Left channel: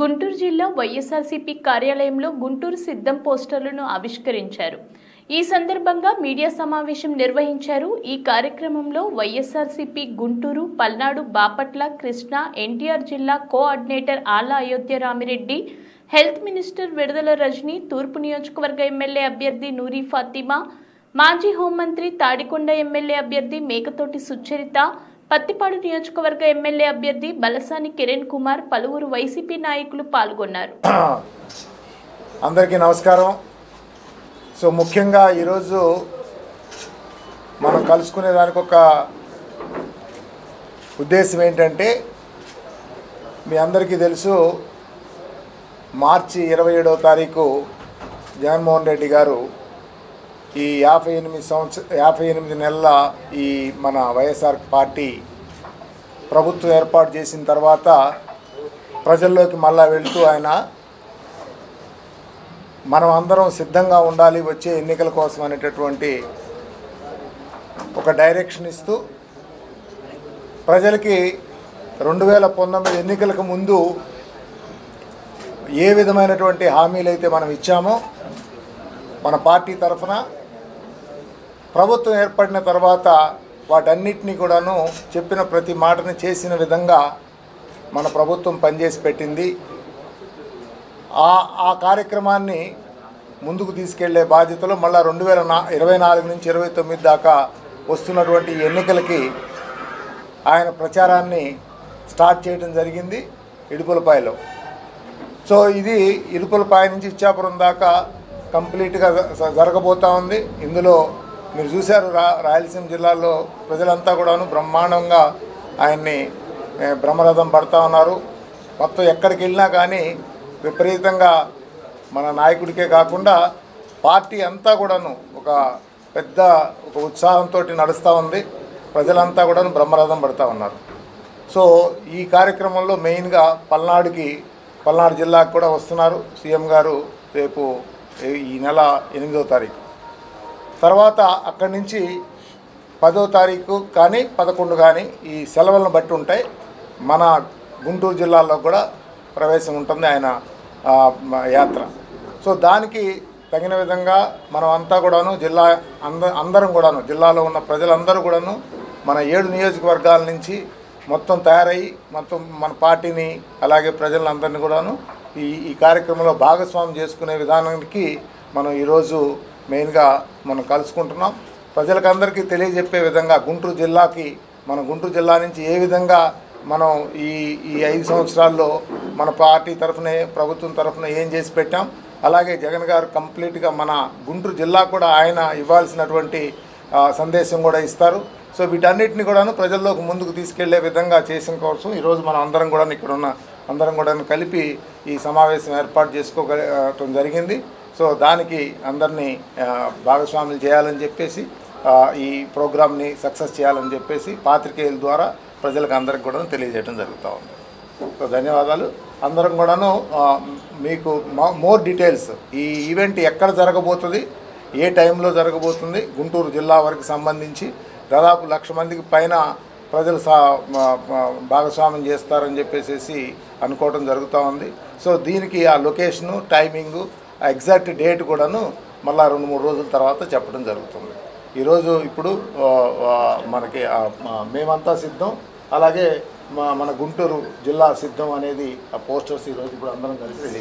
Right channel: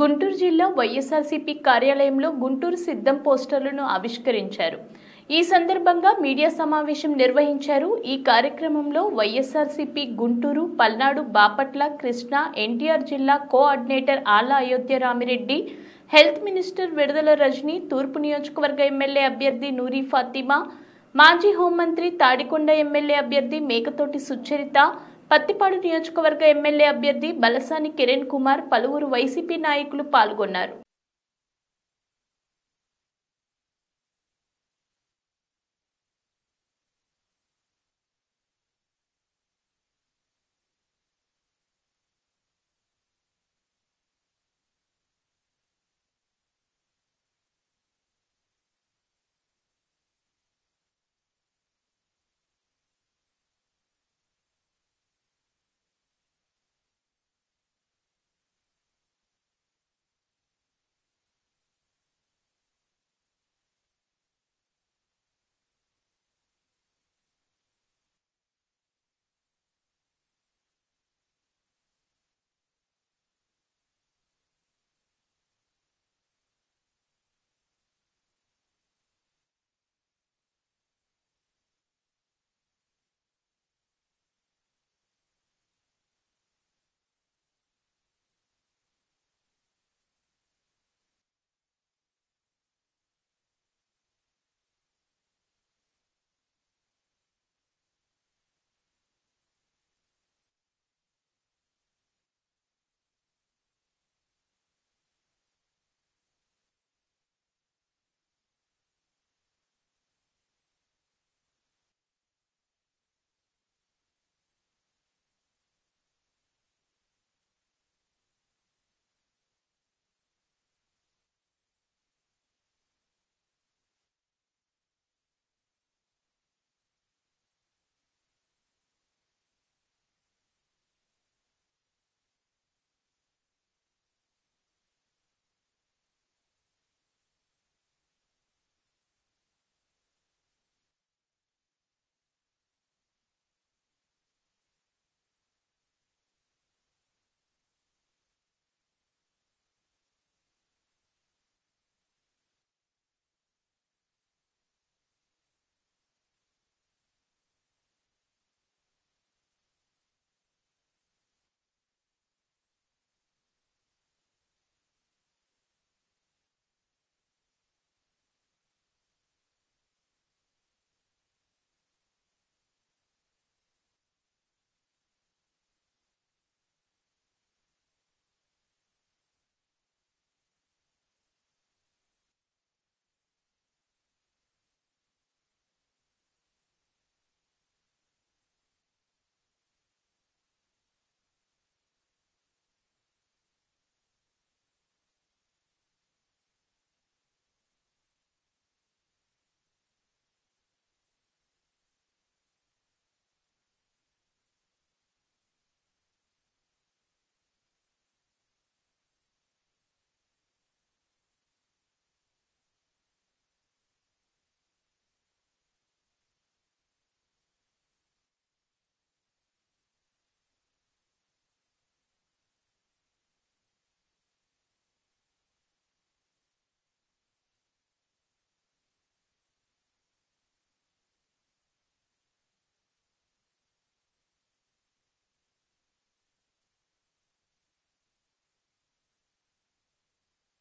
గుంటూరు జిల్లా వైఎస్ఆర్సీపీ కార్యాలయంలో గుంటూరు సిద్ధం పోస్టర్లను ఆవిష్కరించారు. ఈ సందర్భంగా మీడియా సమావేశం నిర్వహించారు. ఈ కార్యక్రమంలో వైఎస్ఆర్సీపీ గుంటూరు, పల్నాడు, బాపట్ల, కృష్ణా, ఎన్టీఆర్ జిల్లా కోఆర్డినేటర్ ఆళ్ల అయోధ్య రామిరెడ్డి, హెల్త్ మినిస్టర్ విడుదల రజని, తూర్పు నియోజకవర్గ ఎమ్మెల్యే అభ్యర్థి నూరి ఫాతిమా, మాజీ హోంమంత్రి తాడికొండ ఎమ్మెల్యే అభ్యర్థి మేకతోటి సుచరిత, పత్తిపాడు నియోజకవర్గ ఎమ్మెల్యే అభ్యర్థి బలసాని కిరణ్ కుమార్, పలువురు వైసీపీ నాయకులు పాల్గొన్నారు. అందరికీ నమస్కారం. సో ముఖ్యంగా ఈరోజు మనం కలుసుకునే దానికి ఒక ఉద్దేశం ఏంటంటే, మీ అందరికీ తెలుసు, మార్చి 27వ తారీఖు జగన్మోహన్ రెడ్డి గారు ఈ 58 నెలల ఈ మన వైఎస్ఆర్ పార్టీ ప్రభుత్వం ఏర్పాటు చేసిన తర్వాత ప్రజల్లోకి మళ్ళా వెళ్తూ ఆయన మనం అందరం సిద్ధంగా ఉండాలి వచ్చే ఎన్నికల కోసం అనేటటువంటి ఒక డైరెక్షన్ ఇస్తూ ప్రజలకి 2019 ఎన్నికలకు ముందు ఏ విధమైనటువంటి హామీలు అయితే మనం ఇచ్చామో మన పార్టీ తరఫున, ప్రభుత్వం ఏర్పడిన తర్వాత వాటన్నిటినీ కూడాను చెప్పిన ప్రతి మాటని చేసిన విధంగా మన ప్రభుత్వం పనిచేసి పెట్టింది. ఆ కార్యక్రమాన్ని ముందుకు తీసుకెళ్లే బాధ్యతలో మళ్ళీ 2024 నుంచి 29 దాకా వస్తున్నటువంటి ఎన్నికలకి ఆయన ప్రచారాన్ని స్టార్ట్ చేయడం జరిగింది ఇడుపులపాయలో. సో ఇది ఇడుపులపాయ నుంచి ఇచ్చాపురం దాకా కంప్లీట్గా జరగబోతూ ఉంది. ఇందులో మీరు చూశారు, రాయలసీమ జిల్లాలో ప్రజలంతా కూడాను బ్రహ్మాండంగా ఆయన్ని బ్రహ్మరథం పడుతూ ఉన్నారు. మొత్తం ఎక్కడికి వెళ్ళినా కానీ విపరీతంగా మన నాయకుడికే కాకుండా పార్టీ అంతా కూడాను ఒక పెద్ద ఉత్సాహంతో నడుస్తూ ఉంది. ప్రజలంతా కూడాను బ్రహ్మరథం పడుతూ ఉన్నారు. సో ఈ కార్యక్రమంలో మెయిన్గా పల్నాడు జిల్లాకు కూడా వస్తున్నారు సీఎం గారు రేపు ఈ నెల 8వ తారీఖు. తర్వాత అక్కడి నుంచి 10వ తారీఖు కానీ 11 కానీ ఈ సెలవులను బట్టి ఉంటాయి. మన గుంటూరు జిల్లాలో కూడా ప్రవేశం ఉంటుంది ఆయన యాత్ర. సో దానికి తగిన విధంగా మనం అంతా కూడాను అందరం కూడాను జిల్లాలో ఉన్న ప్రజలందరూ కూడాను మన 7 నియోజకవర్గాల నుంచి మొత్తం తయారయ్యి మొత్తం మన పార్టీని అలాగే ప్రజలందరినీ కూడాను ఈ కార్యక్రమంలో భాగస్వామ్యం చేసుకునే విధానానికి మనం ఈరోజు మెయిన్గా మనం కలుసుకుంటున్నాం. ప్రజలకందరికీ తెలియజెప్పే విధంగా గుంటూరు జిల్లా నుంచి ఏ విధంగా మనం ఈ 5 సంవత్సరాల్లో మన పార్టీ తరఫున ప్రభుత్వం తరఫున ఏం చేసి పెట్టాం, అలాగే జగన్ గారు కంప్లీట్గా మన గుంటూరు జిల్లా కూడా ఆయన ఇవ్వాల్సినటువంటి సందేశం కూడా ఇస్తారు. సో వీటన్నిటిని కూడాను ప్రజల్లోకి ముందుకు తీసుకెళ్లే విధంగా చేసిన కోసం ఈరోజు మనం అందరం కూడా ఇక్కడ ఉన్న అందరం కూడా కలిపి ఈ సమావేశం ఏర్పాటు చేసుకోవడం జరిగింది. సో దానికి అందరినీ భాగస్వాములు చేయాలని చెప్పేసి, ఈ ప్రోగ్రామ్ని సక్సెస్ చేయాలని చెప్పేసి పాత్రికేయుల ద్వారా ప్రజలకు అందరికి కూడా తెలియజేయడం జరుగుతూ ఉంది. సో ధన్యవాదాలు. అందరం కూడాను మీకు మోర్ డీటెయిల్స్, ఈ ఈవెంట్ ఎక్కడ జరగబోతుంది, ఏ టైంలో జరగబోతుంది, గుంటూరు జిల్లా వరకు సంబంధించి దాదాపు 1,00,000 మందికి పైన ప్రజలు భాగస్వామ్యం చేస్తారని చెప్పేసి అనుకోవడం జరుగుతూ ఉంది. సో దీనికి ఆ లొకేషను, టైమింగు, ఆ ఎగ్జాక్ట్ డేట్ కూడాను మళ్ళీ 2-3 రోజుల తర్వాత చెప్పడం జరుగుతుంది. ఈరోజు ఇప్పుడు మనకి మేమంతా సిద్ధం, అలాగే మన గుంటూరు జిల్లా సిద్ధం అనేది ఆ పోస్టర్స్ ఈరోజు ఇప్పుడు అందరం కలిసి